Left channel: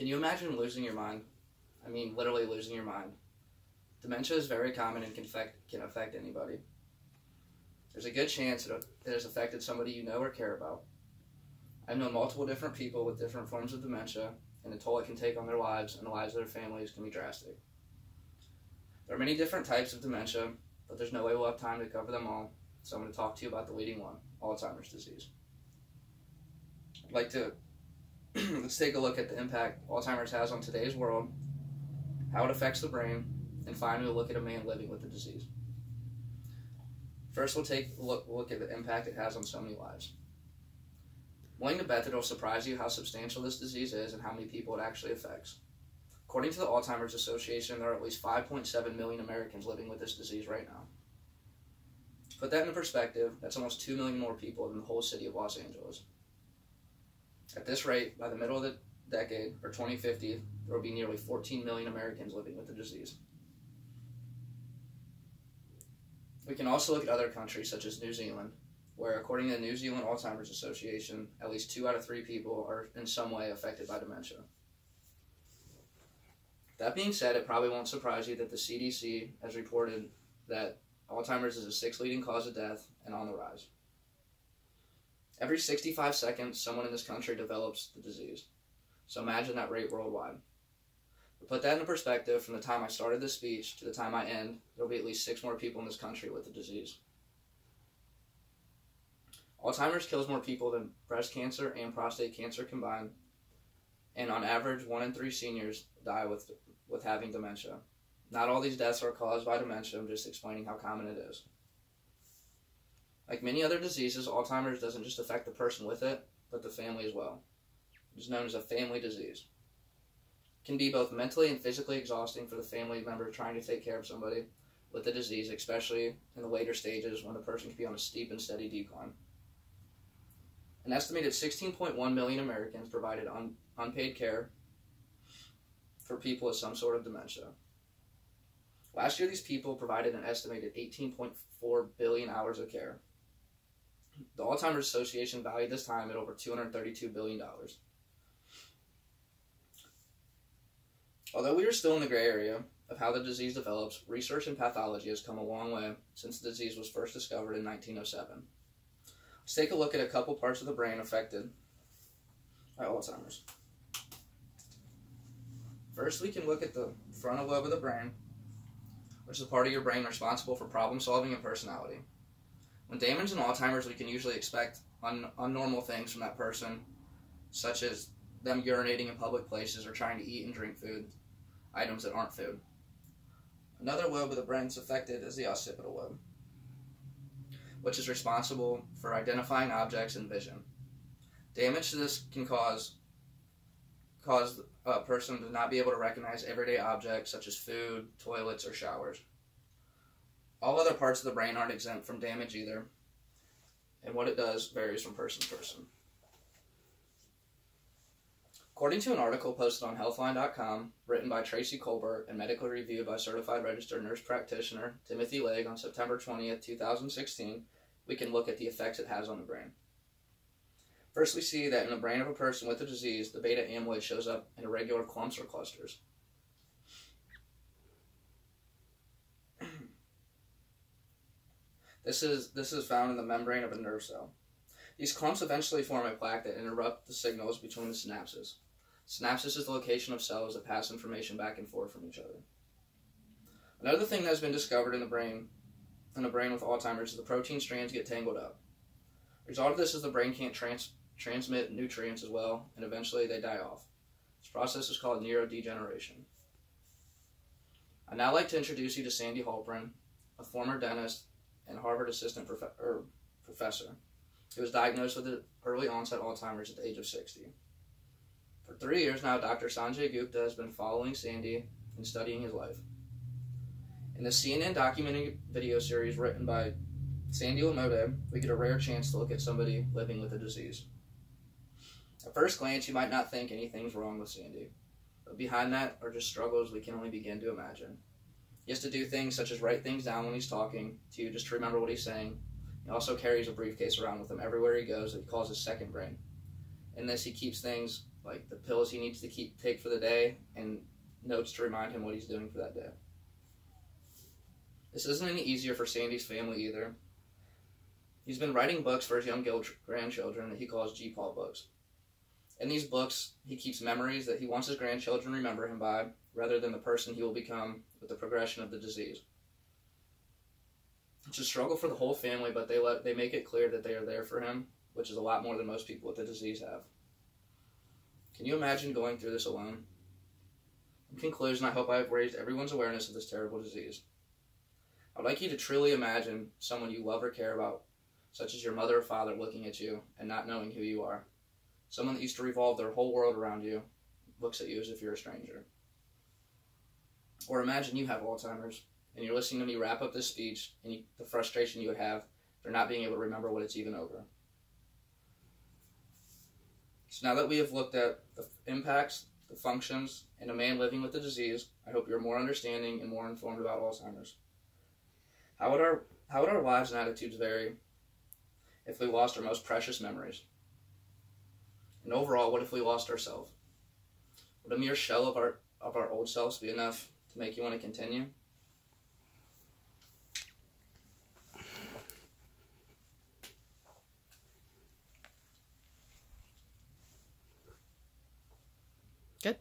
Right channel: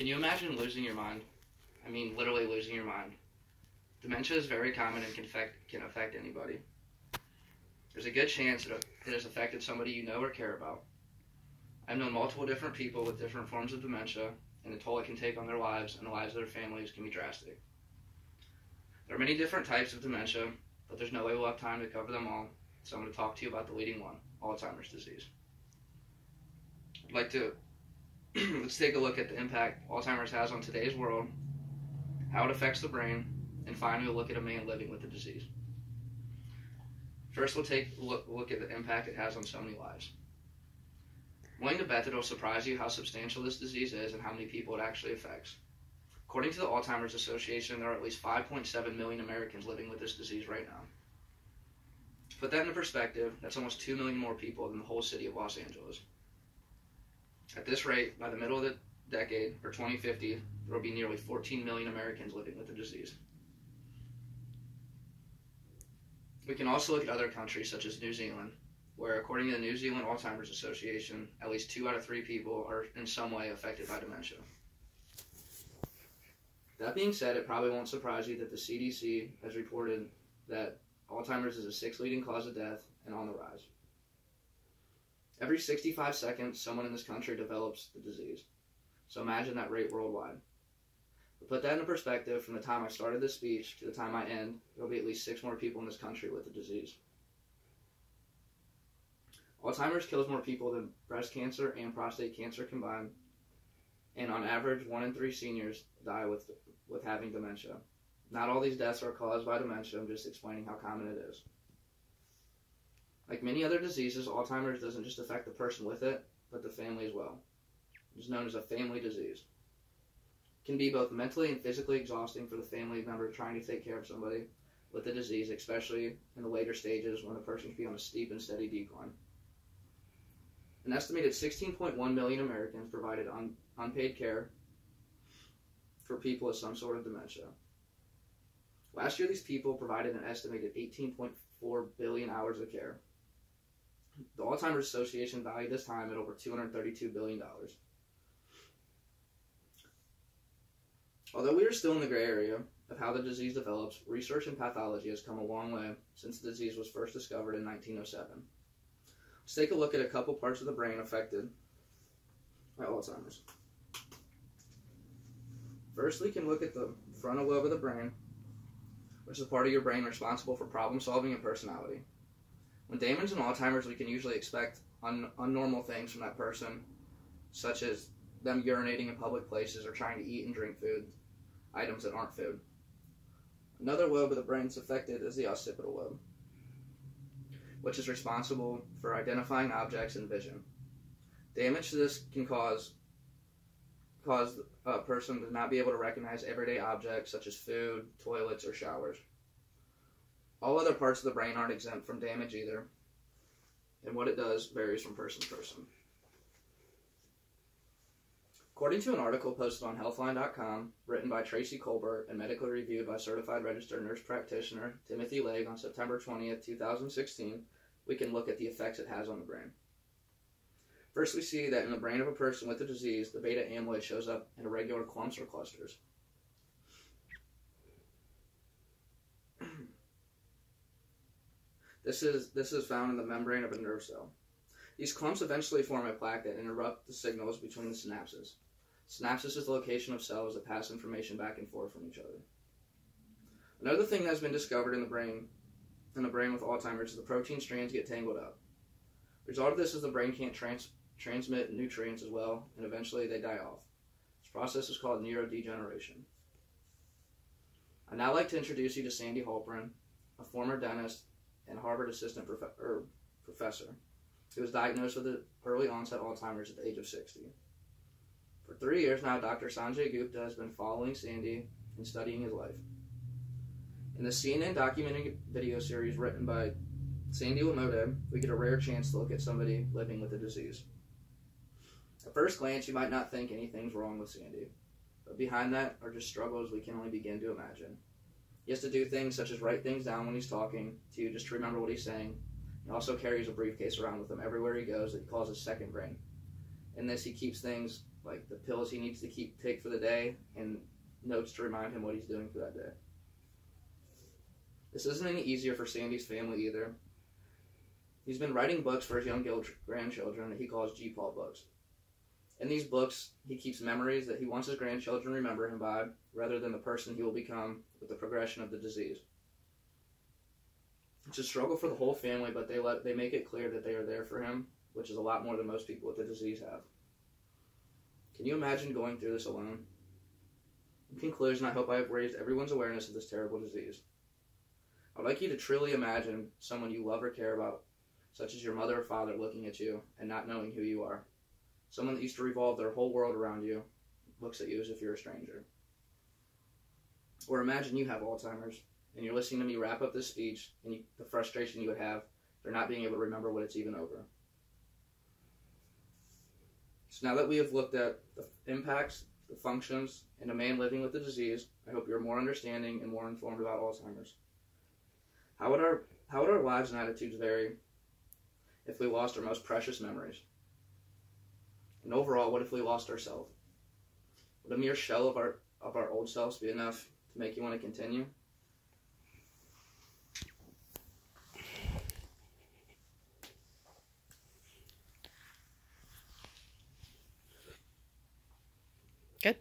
Can you imagine losing your mind? I mean, literally losing your mind. Dementia is very common and can affect anybody. There's a good chance it has affected somebody you know or care about. I've known multiple different people with different forms of dementia, and the toll it can take on their lives and the lives of their families can be drastic. There are many different types of dementia, but there's no way we'll have time to cover them all, so I'm going to talk to you about the leading one, Alzheimer's disease. I'd like to let's take a look at the impact Alzheimer's has on today's world, how it affects the brain, and finally we'll look at a man living with the disease. First, we'll take a look at the impact it has on so many lives. I'm willing to bet that it'll surprise you how substantial this disease is and how many people it actually affects. According to the Alzheimer's Association, there are at least 5.7 million Americans living with this disease right now. To put that into perspective, that's almost 2 million more people than the whole city of Los Angeles. At this rate, by the middle of the decade, or 2050, there will be nearly 14 million Americans living with the disease. We can also look at other countries such as New Zealand, where according to the New Zealand Alzheimer's Association, at least 2 out of 3 people are in some way affected by dementia. That being said, it probably won't surprise you that the CDC has reported that Alzheimer's is the 6th leading cause of death and on the rise. Every 65 seconds, someone in this country develops the disease. So imagine that rate worldwide. To put that into perspective, from the time I started this speech to the time I end, there will be at least 6 more people in this country with the disease. Alzheimer's kills more people than breast cancer and prostate cancer combined, and on average, 1 in 3 seniors die with having dementia. Not all these deaths are caused by dementia, I'm just explaining how common it is. Like many other diseases, Alzheimer's doesn't just affect the person with it, but the family as well. It is known as a family disease. It can be both mentally and physically exhausting for the family member trying to take care of somebody with the disease, especially in the later stages when the person can be on a steep and steady decline. An estimated 16.1 million Americans provided unpaid care for people with some sort of dementia. Last year, these people provided an estimated 18.4 billion hours of care. The Alzheimer's Association valued this time at over $232 billion. Although we are still in the gray area of how the disease develops, research in pathology has come a long way since the disease was first discovered in 1907. Let's take a look at a couple parts of the brain affected by Alzheimer's. First, we can look at the frontal lobe of the brain, which is a part of your brain responsible for problem solving and personality. When damaged in Alzheimer's, we can usually expect unnormal things from that person, such as them urinating in public places or trying to eat and drink food, items that aren't food. Another lobe of the brain that's affected is the occipital lobe, which is responsible for identifying objects and vision. Damage to this can cause a person to not be able to recognize everyday objects such as food, toilets, or showers. All other parts of the brain aren't exempt from damage either, and what it does varies from person to person. According to an article posted on healthline.com, written by Tracy Colbert and medically reviewed by certified registered nurse practitioner Timothy Legg on September 20th, 2016, we can look at the effects it has on the brain. First, we see that in the brain of a person with the disease, the beta amyloid shows up in irregular clumps or clusters. This is found in the membrane of a nerve cell. These clumps eventually form a plaque that interrupt the signals between the synapses. Synapses is the location of cells that pass information back and forth from each other. Another thing that has been discovered in the brain with Alzheimer's is the protein strands get tangled up. The result of this is the brain can't transmit nutrients as well, and eventually they die off. This process is called neurodegeneration. I'd now like to introduce you to Sandy Halpern, a former dentist and Harvard assistant professor, who was diagnosed with early onset Alzheimer's at the age of 60. For 3 years now, Dr. Sanjay Gupta has been following Sandy and studying his life. In the CNN documentary video series written by Sandy Lamode, we get a rare chance to look at somebody living with the disease. At first glance, you might not think anything's wrong with Sandy, but behind that are just struggles we can only begin to imagine. He has to do things such as write things down when he's talking to you just to remember what he's saying. He also carries a briefcase around with him everywhere he goes that he calls his second brain. In this, he keeps things like the pills he needs to take for the day, and notes to remind him what he's doing for that day. This isn't any easier for Sandy's family either. He's been writing books for his young grandchildren that he calls G-Paul books. In these books, he keeps memories that he wants his grandchildren to remember him by, rather than the person he will become with the progression of the disease. It's a struggle for the whole family, but they make it clear that they are there for him, which is a lot more than most people with the disease have. Can you imagine going through this alone? In conclusion, I hope I have raised everyone's awareness of this terrible disease. I would like you to truly imagine someone you love or care about, such as your mother or father, looking at you and not knowing who you are. Someone that used to revolve their whole world around you looks at you as if you're a stranger. Or imagine you have Alzheimer's, and you're listening to me wrap up this speech, and the frustration you would have for not being able to remember what it's even over. So now that we have looked at the impacts, the functions, and a man living with the disease, I hope you're more understanding and more informed about Alzheimer's. How would our lives and attitudes vary if we lost our most precious memories? And overall, what if we lost ourselves? Would a mere shell of our old selves be enough to make you want to continue? Good.